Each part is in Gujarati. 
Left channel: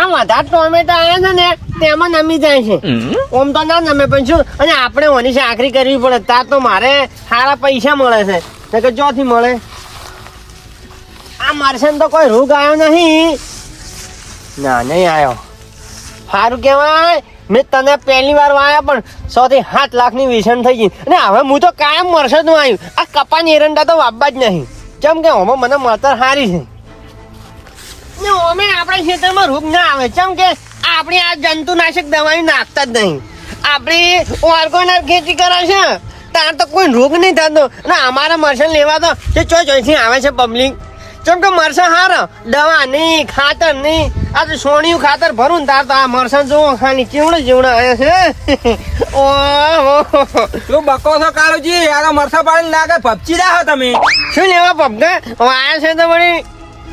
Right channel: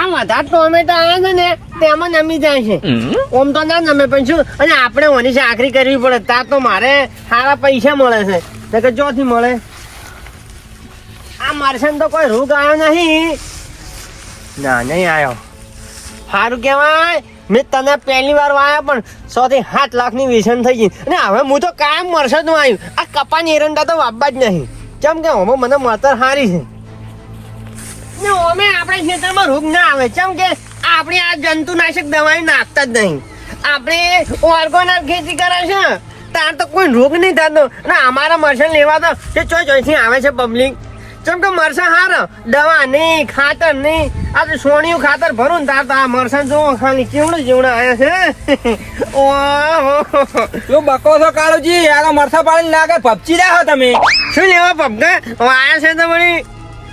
આ વધારે ટોમેટા આયા છે ને તેમાં નમી જાય છે. ઓમ તો ના નમે પણ શું, અને આપણે ઓની ચાકરી કરવી પડે તાર તો મારે સારા પૈસા મળે છે. તો કે ચોથી મળે આ મરસન તો કોઈ રોગ આવ્યો નહીં. ના નહીં આવ્યો. સારું કેવાય મેં તને પહેલી વાર વાયા પણ 6 થી 7 લાખની વેચાણ થઈ ગઈ. અને હવે હું તો કાયમ મરસદ નું આવ્યું. આ કપાની એરંડા તો વાપવા જ નહીં. કેમ કે ઓમાં મને મળતર સારી છે ને ઓમે આપણા ખેતરમાં રોગ ના આવે. કેમ કે આપણે આ જંતુનાશક દવાઈ નાખતા જ નહીં. આપણે ઓર્ગેનિક ખેતી કરે છે ત્યાં તો કોઈ રોગ નહીં થતો. અને અમારા મરસા લેવા તો તે ચોથી આવે છે પબ્લિક. કેમ કે મરસા હારા દવા નહીં ખાતર નહીં. આ તો સોણિયું ખાતર ભરું ને તાર તો આ મરસા જોવો ખાલી ચીવડો જેવડો આવ્યા છે. ઓહો તું બકો છો કાળુજી? યાર મરસા પાડી લાગે ભપચી રહ્યા હો તમે. શું લેવા પગા આવ્યા છે તો વળી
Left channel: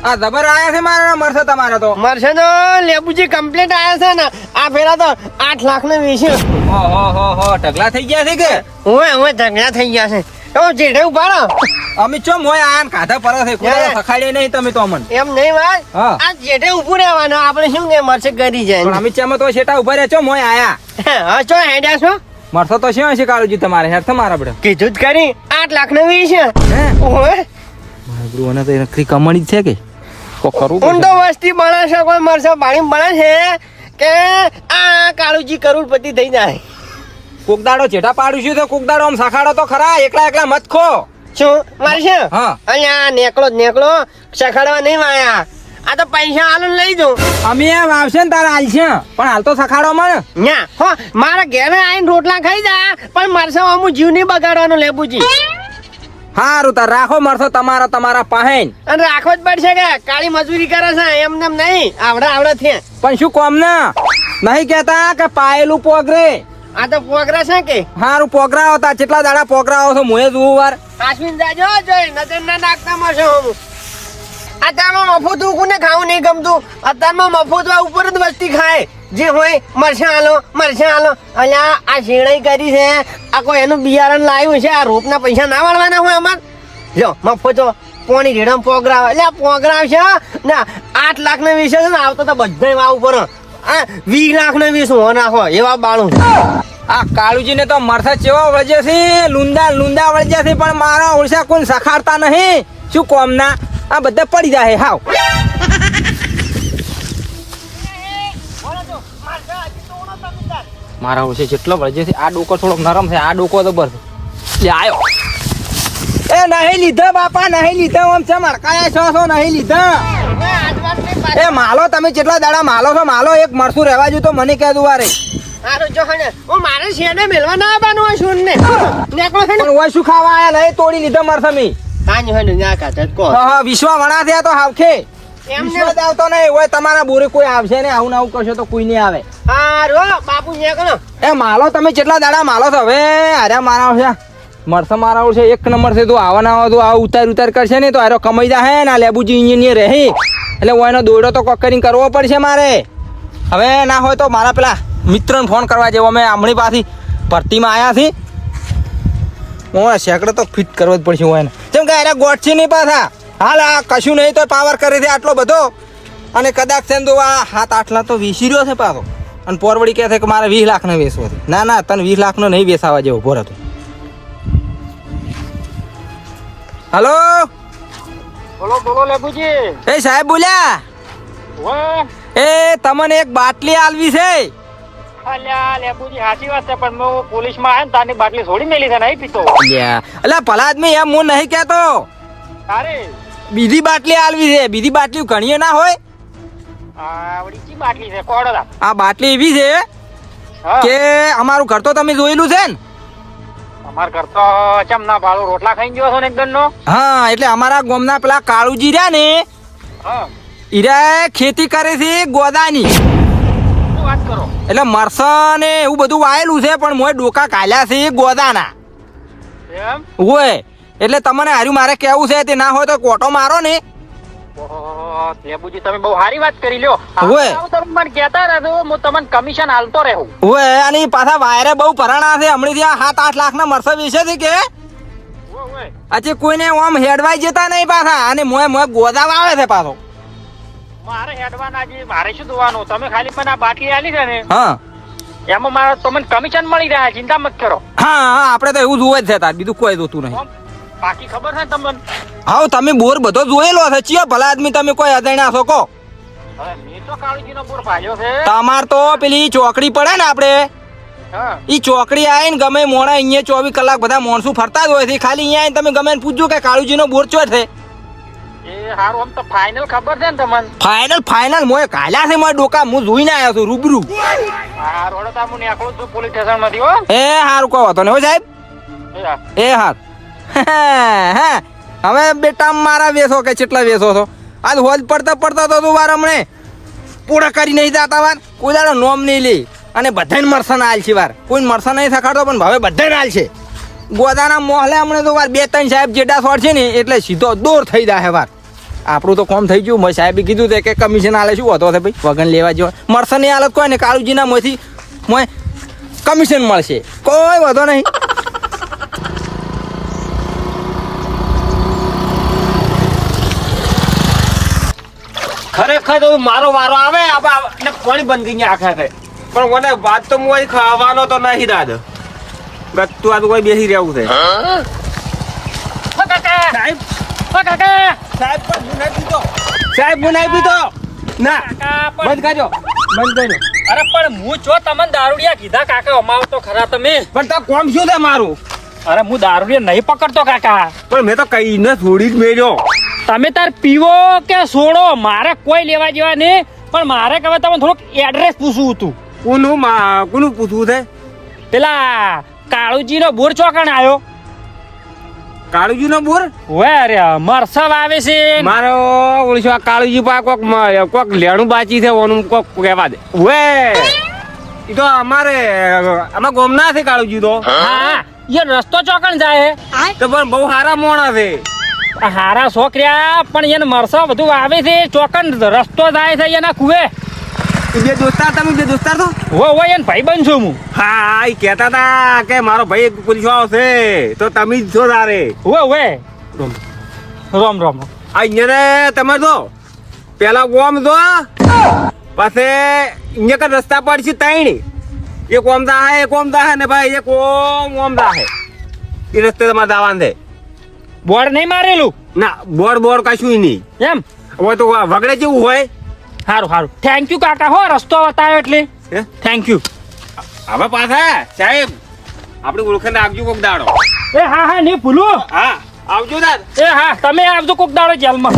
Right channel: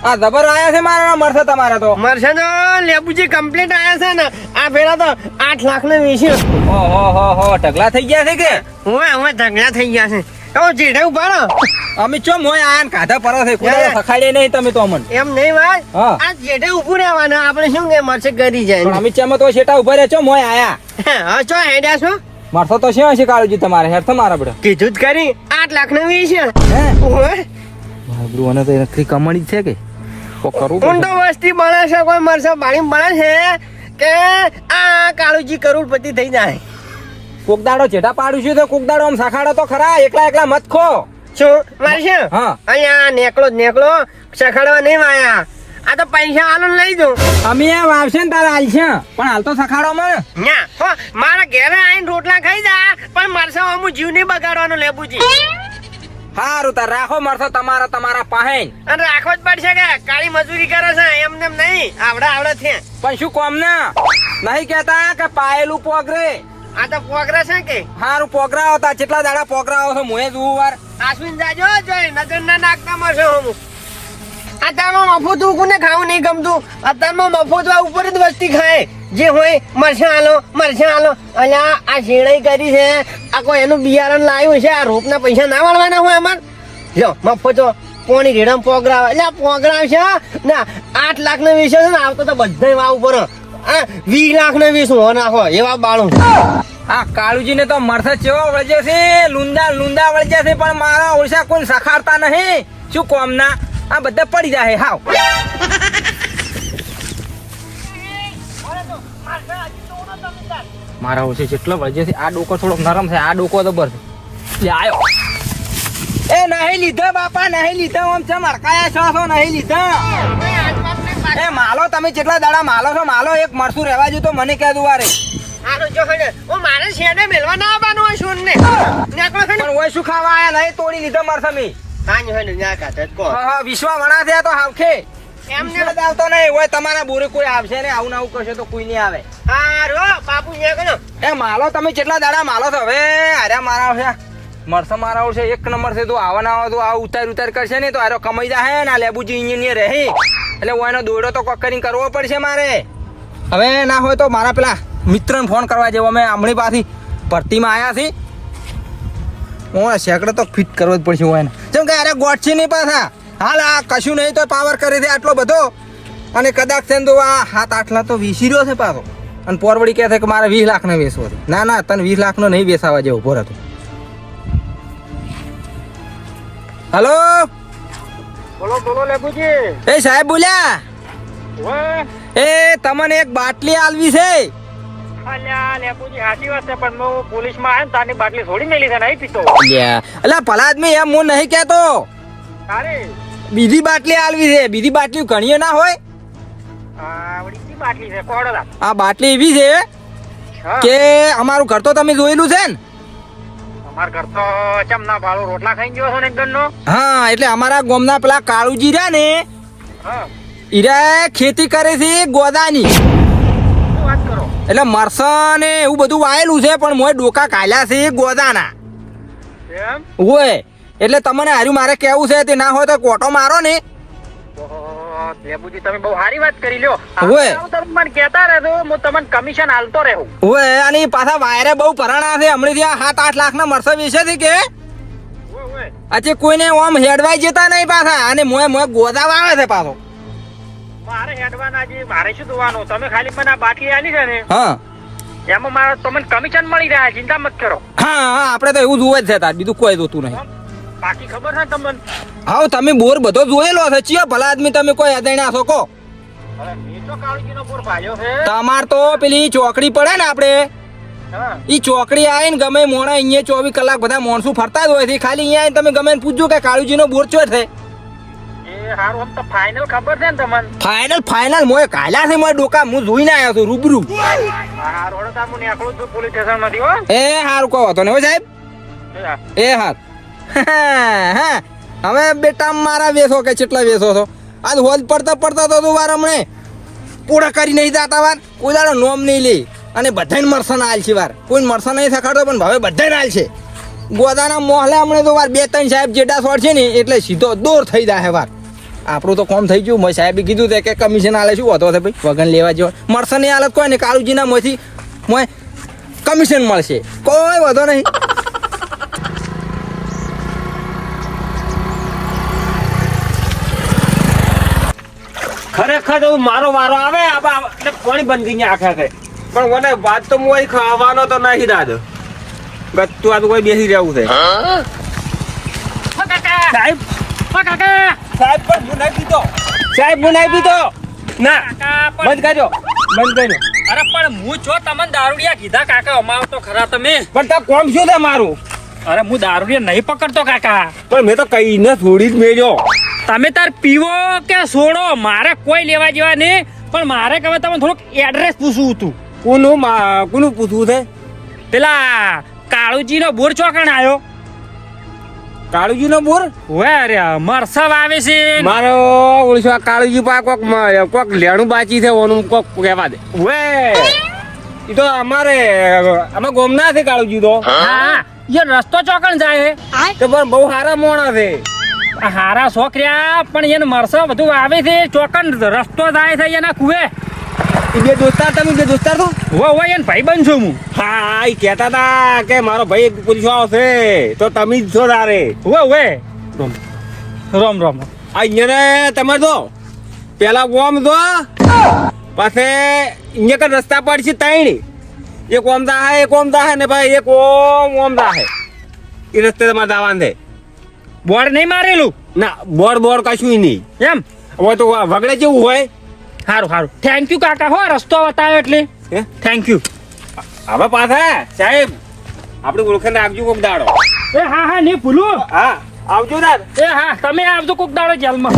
આ જબર આયા છે મારા મરસા તમારા તો. મરસા તો લેબુજી કમ્પ્લીટ આવ્યા છે ને. આ ફેરા તો 8 લાખ નો વેચી. ઓહો ઢગલા થઈ ગયા છે કે? હવે ઢગલા થઈ ગયા છે. તો જેઠે ઉભા રહો. અમે ચો મોય આન કાઢા પર છે કોઈ સખાડે નહીં તમે તો અમન. એમ નહીં ભાઈ હા. આ જેઠે ઉભું રહેવાના. આપણે શું કે મરસે કરી જાય. પણ અમે ચેમાં તો શેટા ઉભા રહ્યા છો મોય આયા. હા ચો હેડ્યા છો. મરસો તો શું હશે કાળુજી તમારે? હેર તમારા બડે કીધું જ કરી 8 લાખ નો વેચી. હે ઓહે મારા બ્રુ અને તો નકરી કમણી છે કે કો કરવું હું તો વસ્તી બને છે કોઈ મરસા પાણી બને છે કે આ કાળુજી કરોડપતિ થઈ જાય. કોકદાડો ચેટા પાડું છું તો કોકદાડો આમ સખાડો તો ખરા. એકલા મત ખો. શું મારશે? હા. અહીંયા નેકળો સખાડવા નહીં વાયા. આ તો પૈસા આલો લઈ દઉં. અમે એમ આવશે ને તારા હાલ છે પણ હાલ તો સખાડો મને. ના હો મારા ઘેરે આવીને રોટલા ખાઈ જા પણ મરસા અમુ જીવ નહીં બગાડવાનો લેબુજી. હારું તાર રાખો મરસો તમારા પાસે. અને રાખવો જ પડશે કે કાળી મજૂરી કરે છે એમને નહીં આવડે છે. પણ શું કોમ ને નહીં કેતા કે પાયેલું પોગરે. આ તો પોગરા છે કે હારું પોગરા હતા. કેટલા દાડા પોગરા છો મોએ જોવું વાર. કાશ્મીર જાજો જોઈ નજર ના નાખતા મરસો અમુ. અત્યારમાં મફત કોને ખાવું નહીં ગમતું. અત્યારમાં મફત ઉપર જ વસ્તી ખાય. જે હોય મરસા આલો અલ્યા આ શેણાઈ કરી છે. આ કોઈ એનું બિયારણ લાવ્યું છે. આ રોપના પૈસા ના વાળવાના હોય અમાર. જો મફતો પોણી રેડમ પોગરાવ એટલે પોગરાવ છે ને 8 લાખ નો વિષય છે ને. આવતો તો બધા વાવ ઉપર 20 લાખ નો વીસ હો નાખો એવા બાળું. આ કાળુજી ને તો મરસા ચેવો વળજે છે લુંડા વળજે છે પણ મારા ઓળશા કોઈ સખાડતા નહીં. શું કોમ ના આ બધા પડી જાય હાવ. મારા ઓળશે જેટલો વળજે છે. આ ડોકો થોડોક નરમ છે. આ ડોકો જબર છે. આયો એ નહીં લીધા બાપા નહીં લીધા. આમ છે મરકાયા છો નહીં લીધા. એ માલો તમે જેટલા દાડા માલો છો માલો. એક મરસું રહેવા જો તો મને કહે દુવારે. મારે શેને મેલવા ના આવવાનું હોય શું ને પણ ઓય શું ખાવા આયા નહીં તોડી લીધા મરસમી. વિશ્વા વણા થયા તો હાવખે વિશ્વાસ આવતો નહીં હોય. તમારા બોરે કોઈ આવશે ને આવું આવું કરશે તો કોઈ નહીં આવે. બાપુ એ માલો તમે કેટલા દાડા માલો છો હવે? અરે મારા છે મરસા મારા છે એક નંબર છે. તો આવા ના તો આ ઉતાર કરશે ને તો આરો કમાઈ જાય ને. લેબુજી ઇન્જિનિયર રહે એટલે ઓયનો દોડો તો કોકરિંગ કરવો પડશે મારે. હવે ના હોય તો મારા પેલા મિત્રને ફોન કરવા જેવો. અમે હમણાં પાછી ભરતીમાં આવ્યા છીએ. હું સેકડો તો ફિટ કરવો જ પડશે હોય ને. જેમ કે અરે ગોઠ છે નહીં પાછા. હાલ આ કશું નહીં તો પાવર કરે છે આટલો બધો. અને કદાચ છે તો આ 7-8 લાખ તો વેચી રહ્યો છે પાછો. અને પોરવડી કહે છે કે મારે 20 લાખ ને વેચવો છે. ના તને 20 લાખ નો નહીં વેચાવા જેવો ભોર હતો. હલો બોલો લેબુજી. એ સાહેબ બોલ્યા. એ તમને એક બાટલી આલવી છે. અલ્યા લેબુજી સાચી વાત છે પણ હું પોલીસમાં આવ્યો ને તારની બાટલી છોડી મેલી છે નહીં પીતો. અલ્યા ભલા આદમી એમ હું નહીં કહેતો. અરે બીજી બાટલી આલવી છે. બીજી બાટલી ઘણીએ ના હોય. આવડી બાટલી છે કોડો. આ બાટલી એવી છે કે અમારું ઘર તો તમે જોયેલું છે ને. અમાર ઘર તો ચમ ના ભાળો રોટલા ખાઈ ગયો છો ને એકદમ નો. હા એટલે અમારા ગામના પેલા કાળુજી રહ્યા ને ઈરા ખેતી કરે છે ગોદાની. વાત કરો. એટલે મરસા ને એવું બધું વાયેલું છે પણ મોય ડોકા કાલ્યા છે ગોદાના. એમ હોય એટલે તમને હાર્યું મારે કેવું છે તે ના હોય તો કોટો મારો ને. લેબુજી તમે બહુ સારી વાત કરી લ્યો. ઓય તમે મને કહેતા રહેજો હું તમને કમિશન આલતો રહું. ઓય અને પાછા વાયરે બહુ પરાણા છે. હમણાં ત્યાં 7-8 લાખ ના મરસા વિશે છે કે આજે કોઈને ઓમ હેડવાઈ જતા નહીં પાછા. અને મોય ગોદા આવે છે પાછો. મારે હેડવાના છે, મારે શું જોવાનું? તમે ખાલી મને આ બાટલી આલી છે ને, હા એમાં મારે તમને કમિશન મળી રહ્યા, ચિંતા મત કરો. હા હા આપણે તો એવું જોવે જ છે તાર, બીજું કોઈ જોતું નહીં. બાકી ખબર છે ને તમને? હા તમે બોર બધો જોયેલો છે, ચિયો ભલા આદમી તમે કોઈ અજાણ્યા છો કો? હવે મેં તો કાળુજીનો બોર ભાળ્યો છે. તમાર તો પેલી ચોકડી પડે ને આપણે હા. ઈ ચોકડી આવીને ગમે મોડા અહીંયા 24 કલાક બધા માણસો ફરતા જ હોય છે, ખાલી અહીંયા આવીને તમે ગમે એને પૂછજો કે કાળુજીનો બોર ચો છે. એ હારું, આમ તો ફાઇનલ ખબર છે ને તમને? ફાઇનલ મોય કાલ્યા છે મારા ડોકા, હું જોઈને આવ્યો છું રૂબરૂ. હા, રોડતા હું નીકળું છું પોલીસ સ્ટેશન માંથી હો. એ હારું કહો તો ને હો સાહેબ. એ હા. એ હાર હા હવે બેટા મારા વેસો કે કેટલા વેસો છો? આજ હોજ પડતા તો તું વાર હમણે પૂરા કરી નહીં જતા વાર, કોઈ દાડો નોમ નહીં લે, અને બધાને મરસન આલ છે વાર, કોઈ મરસન નહીં સખાડો પણ હવે બધાને આલ છે. ગોદાના મોહલે હમણે તો વાર 2-3 સાહેબ જેડા સોળ છે ને એટલે સીધો દોર થઈ જાય વાર. આપણું તો કોમ થઈ ગયું. મેં સાહેબે કીધું તે કે કમિશન આલે શું હતો ભાઈ, વગન લેવા જેવો મરસન ની હાલત કોઈ ને કાળુજીના મોંથી મોય કમિશન મળશે, કોઈ વધો નહીં. ખરેખર તો મારો વારો આવે આપણે પાણી બંધ ગઈ આખા આખે, પણ મને વાત તો હું ખાવાનો તો નહીં દાદો ગતું આ તો કોઈ બેસી રહેવું છે. સાહેબ સાહેબ પણ હું નહીં પીતો, સાહેબ હું નહીં પીતો ના, બંધ કરજો બંધ કરજો. અરે પણ હું છો તમને દારૂડિયા કીધા કાકા, અમારો તો ખરા તમે. પણ તાર કોમ શું છે મારું? અરે હું દારૂડિયા નહીં પકડતો કાકા. પણ મેં તો કઈ ન થોડી જ મેળ્યો. તમે તાર પીવો કે છોડો, મારે કોઈ લેવા જેવા નહીં, પણ મારે કહેવાય તમને થોડુંક એડ્રેસ પૂછવું હતું. કોનું પૂછવું છે? પેલા કાળુજીનો બોર ચોકણ આવ્યો. કાળુજી નો બોર? વે મરસા આવે છે. મારો ઓળશો કાળુજી પા કોક લેણું બાચી છે ઓનું કોક કહેવા દે. વે ઈ તો અમારે ગોમના છે કાળુજી તો. હા એ રસ્તો ચોકણ જાય. તો પણ બહુ સારા મોણા છે. આ હારા છોકર્યા પણ એને મરસા બધું આવે છે, ચોકન રસ્તો જાય છે એના કુએ. ઈ બે દોસ્તાર, તમે બે દોસ્તાર છો? હોય એને ભાઈ બન છું હું. હા ઈ કહેતા હતા કે મારો ભાઈ એક પોલીસ આવશે તો તમે જ છો તારે. હોય રોમ રોમ. આ અહીંયા તમે તો પેલા ઓમ દો પછી અહીંયા કે રસ્તા પર છે ત્રણ, એક ઓમ દા એક ઓમ દા ને ભાઈ એક ઓમ દા હે. એ રસ્તે તમારે દાવાન છે. બોર્ડ નહીં મારેલું? ના બોર કશું નહીં. એમ હવે તો વગડે જેવું હોય. સારું સારું, થેન્ક યુ કાકા હો, રસ્તો બતાવ્યો એટલે હે? Thank you. હવે પાછા સાહેબ આપણે ઓળખાણ આપજો કોક દાડો. એ હા હા નહીં ભૂલું. હા આવજો દાદ. એ હા તમે આવજો કોક દાડો જેલમાં.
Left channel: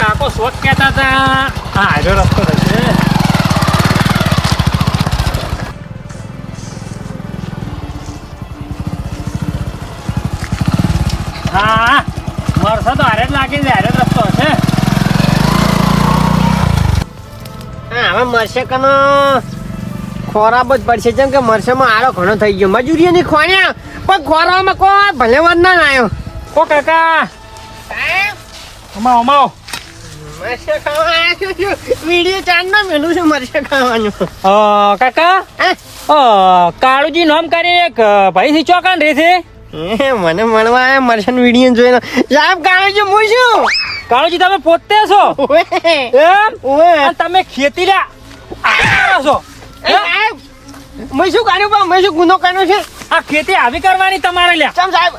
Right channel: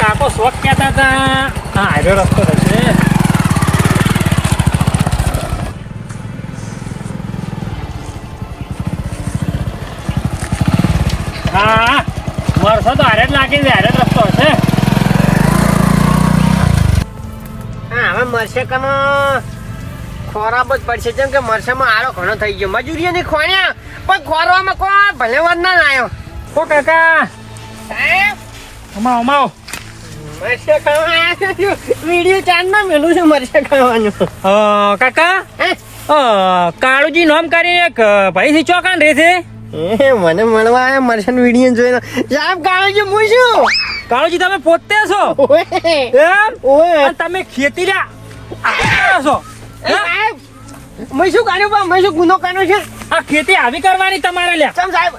કાકો શોખ કહેતા હતા. હા આવ્યો રસ્તો થશે. હા વરસાદ તો હારે જ લાગે છે, હારે જ રસ્તો હશે. હવે મરશે કનો ખોરાબ જ પડશે, જેમ કે મરસેમાં આરો ઘણો થઈ ગયો. મજૂરી ની ખોણ્યા પણ ખોરામાં કોઈ ભલે વાત ના આવ્યો. કો કાકા અમાવ અમાવ. મરશે ખાવા વિડીયો ચાંદમાં મેલું છે મરશે ખાવાનું. કાકા કાળુજી નામ કરીને એક ભાઈ થી ચોકાન રહે છે. મને મળવા આવ્યા મરશન વિડીયો જોઈને. સાહેબ કાળુજી હું છું. કાળુજી તમે પોતે છો ઓએ એમ? ઓએ અને તમે ખેતી છો? સાહેબ મેં શું કર્યું બા? મેં શું ગુનો કર્યો છે? આ ખેતી આવી કરવાની તમારે લ્યા. કેમ સાહેબ?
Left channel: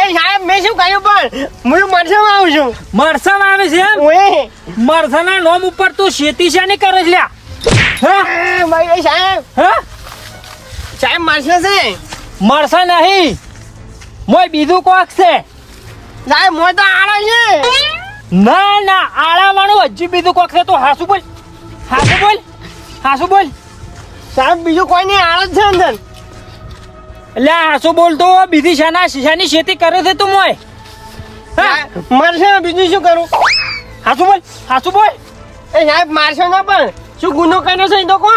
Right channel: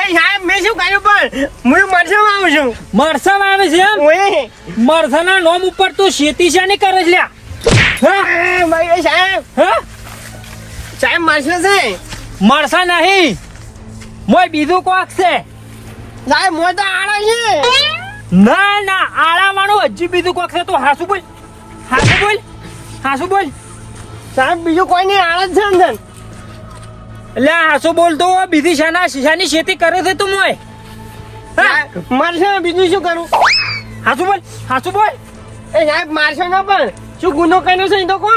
એ સાહેબ મેં શું કર્યું પણ હું મરસામાં આવું છું. મરસા આવે છે એમ? ઓએ મરસાના નામ ઉપર તું ખેતી છે ને કરે છે લ્યા? એ સાહેબ હા સાહેબ મરશે છે. મરસા નહીં, મોય બીજું કોક છે. સાહેબ મોય તો આડો છે. ના ના આળા વાળું હજી બીજું કોક છે. તો હાસુ બોલ, હાસુ બોલ, હાસુ બોલ. સાહેબ બીજું કોઈ નહીં, આડો જ છે અંદર. એટલે હાસુ બોલ તો બીજી શાની ખેતી કરે છે તું મોય? મરશે બીજું શું કરું? હાસુ બોલ, હાસુ બોલ. એ સાહેબ મારશો ના પણ શું ગુનો કર્યો છે એ તો કહો.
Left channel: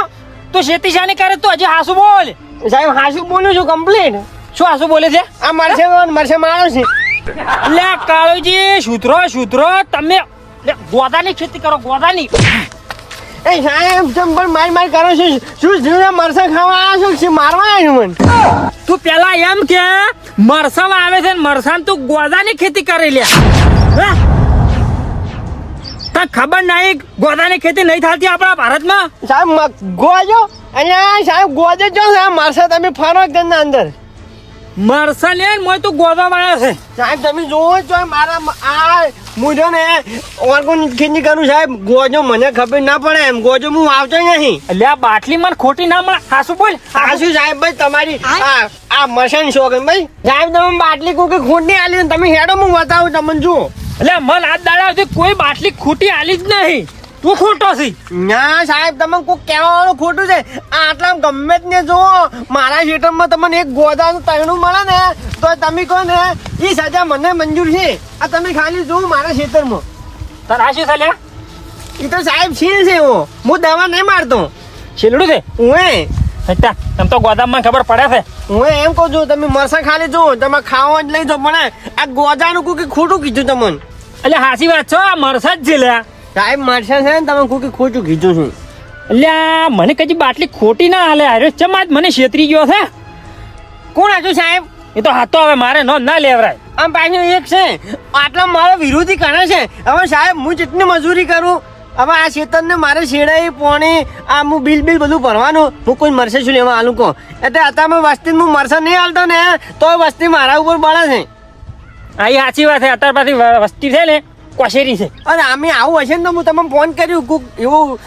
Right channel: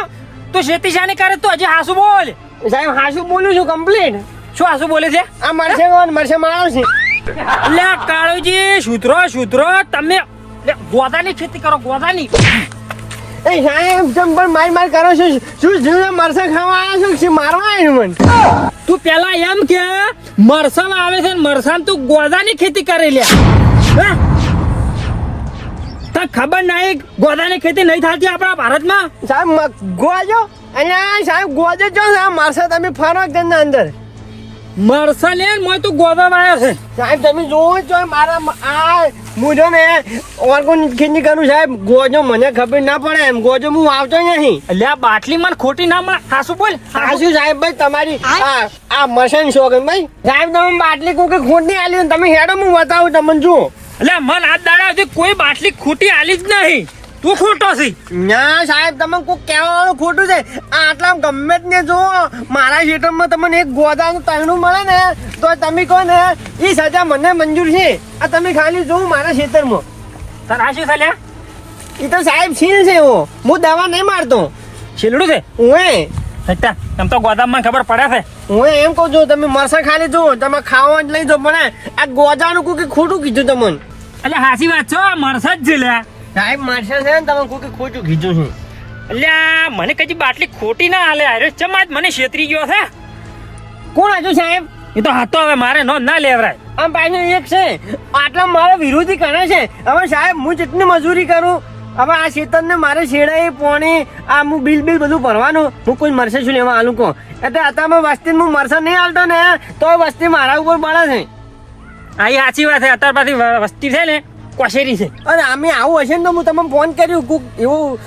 તું ખેતી શાની કરે તું હજી હાસુ બોલ. સાહેબ હાસુ બોલું છું કમ્પ્લીટ. શું હાસુ બોલે છે? આ મરશે મરશે મારો છે. એટલે કાળુજી સુધરો તમે લે, ગોદાની ખેતી કરો ગોદાની. એ સાહેબ જેમ પણ માર કરો છો શું જીવને મરસા ખાવા આવ્યા છો કે મારવા આવ્યું મને તું પેલા એમ કે મરસા આવે છે ને મરસા તું ગોદાની ખેતી કરી લે. તને ખબર નહીં ગોદાની ખેતી નહીં થતી આપણા ભારતમાં? સાહેબ ગોજો અહીંયા સાહેબ ગોજે જો છે મરસા તમે ફરો કે ના અંદર મરસા લે મોય તું ગોદા વાળ્યા છે. સાહેબ તમે જોવો છો મારા આ મુજો ને ઓર્ગોનિક ખેતી કરું સાહેબ ગોજો મને ખબર ના પડે એમ ગોજો હું આવતો નહીં એટલે આ બાટલી મને ખોટી ના મળે. ખાસું બોલ. સાચું સાહેબ ભાઈ તમારી આ મશન શોખન ભાઈ સાહેબ તમે બાટલી કોઈ ખોટી આલી તમે હેડો હું બતાવું તમને જુઓ એટલે મન આ દાડા સુધી કોઈ બાટલી ખોટી આલી જ નહીં. તું ખોટો છે. ના સાહેબ તમે કોઈ કહેવા વાળું ખોટું છે આટલા ગમે જ ને જુઓ મારા ક્ષેત્રમાં તમને એક ગોદાનું તૈણું મળે ને તો તમે કહો ને એ સજા મને મંજૂર છે આ તમે ખાલી જોવું મારા ક્ષેત્રમાં તારા આ શું ચાલ્યા? એ તો સાહેબ છીલ છે હું દવા નહીં મારતો છેલડું છે. હું તમ તો ગોદામમાં ખબર પડે છે. હું એમ કહું છું તમે મરસા ખાલી જુઓ તમે ખાવા જ લઈ જો પણ આ ગોદાનું કોઈ ખોટું કીધું તમને એટલે હાચી વાત છે આ મરસા જ છે લ્યા. સાહેબ મરસા છે ને તમે કોઈ ખોટું કીધું છું એટલે મને કદી બાટલી ખોટી ના હાલે. અરે ચમ આજ મને છેતરી ગયો છે. કોણ હતું સાહેબ એ તો હાથો હવે મારે નો ના લેવરાય. આમ પાછું એક છે આટલા મારા વિરોધી કરે છે હવે સાહેબ હું જેટલી મજૂરી કરું હવે આ ખેતરને મારે શેડાઈ પોણી આ હું બિલ બધું ભરવાનું હું કોઈ મરસે શું લેવા આલું કહો એટલે અત્યારમાં વસ્તી હું મરસા નહીં હાલતો ને તો વસ્તી મારા ઉપર બળે છે આ એ સાચી વાત છે. અત્યાર પાછી વસ્તી છે ને કોશેરી છે. અને અમે આવું હશે ને તો હું તમને ફોન કર્યું કોક એવું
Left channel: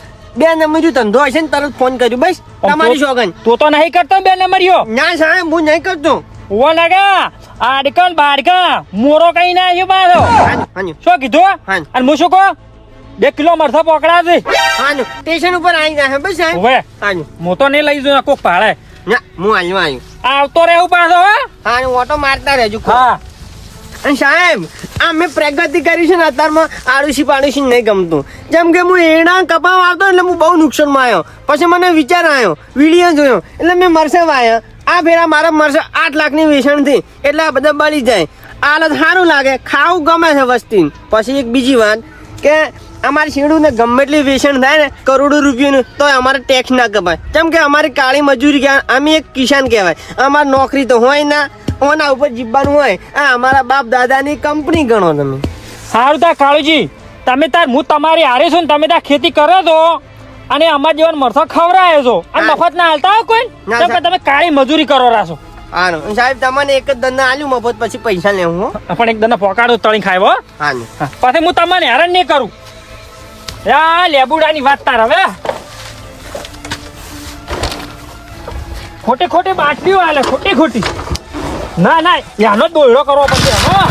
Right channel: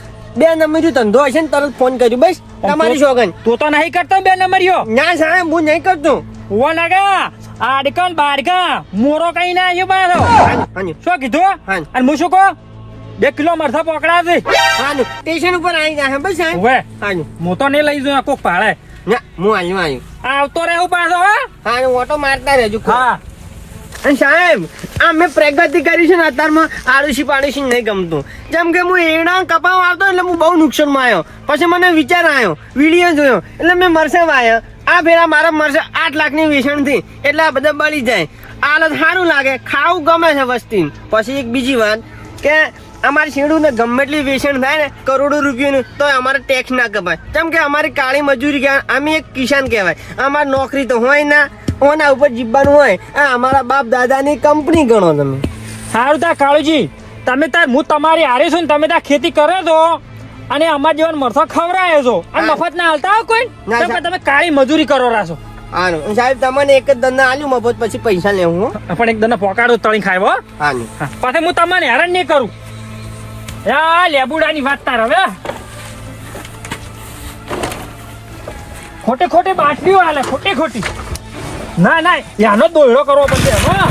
2 નંબર ધંધો હશે ને તરત ફોન કર્યું બસ તમારી શોગન. તું તો નહીં કરતો 2 નંબરિયો? ના સાહેબ હું નહીં કરતો ઓ લાગા આડકલ બાડકા મોરો કઈ ના આવ્યો પાછો. હાનું શું કીધું? હાનું. અને હું શું કહું 2 કિલો મરસા પકડા છે. હાનું સ્ટેશન ઉપર આવી જાય બસ સાહેબ હવે હાનું હું તો નહીં લઈ જઉં કોક ભાડે. ના હું આવ્યું આવતો રહેવું પાછો. હે હાનું ઓટો મારતા રહેજો હા. અને સાહેબ આ મેં પ્રગતિ કરી છે ને અત્યારમાં આડુસી પાડુસી નહીં ગમતું જેમ કે હું એડા કપાવ આવતો એટલે હું બહુ નુકસાનમાં આવ્યો પછી મને વિચાર આવ્યો વિડીયો જોયો એટલે મેં મરસા વાયો આ ફેરા મારા મરસા 8 લાખની વેચાણ થઈ એટલે આ બધા બળી જાય હાલત સારું લાગે ખાવું ગમે છે વસ્તી પછી એક બીજી વાત કે અમારી શીણું ને ગમે એટલી વેચાણ થાય ને કરોડો રૂપિયાનું તો અમારે ટેક્સ ના કપાય કેમ કે અમારી કાળી મજૂરી કહેવાય અમે એક કિસાન કહેવાય અમારી નોકરી તો હોય ના ઓના ઉપર જીવવાનું હોય આ અમારા બાપ દાદાની કંપની ગણો તમે સારું તા કાળુજી તમે તાર હું તમારી હારે છું ને તમે ત્યાં ખેતી કરો છો અને અમારા જેવા મરસા ખવડાવે છો અને મફત ના હાલતા હો કોઈ? ના, કેમ કે તમે કાળી મજૂરી કરો છો. હાનું સાહેબ તમને એક જ દંડા આલ્યું મફત પછી પૈસા લેવું હો પણ એક દને પોકાડો તળી ખાય હો. હાનું પછી હું તમને હેરાન નહીં કરું. યા લેબુડાની વાત તાર હવે ખોટી ખોટી બાટલીઓ હાલે ખોટી ખોટી. ના ના યાનો દોયડો કરવો પડશે. હા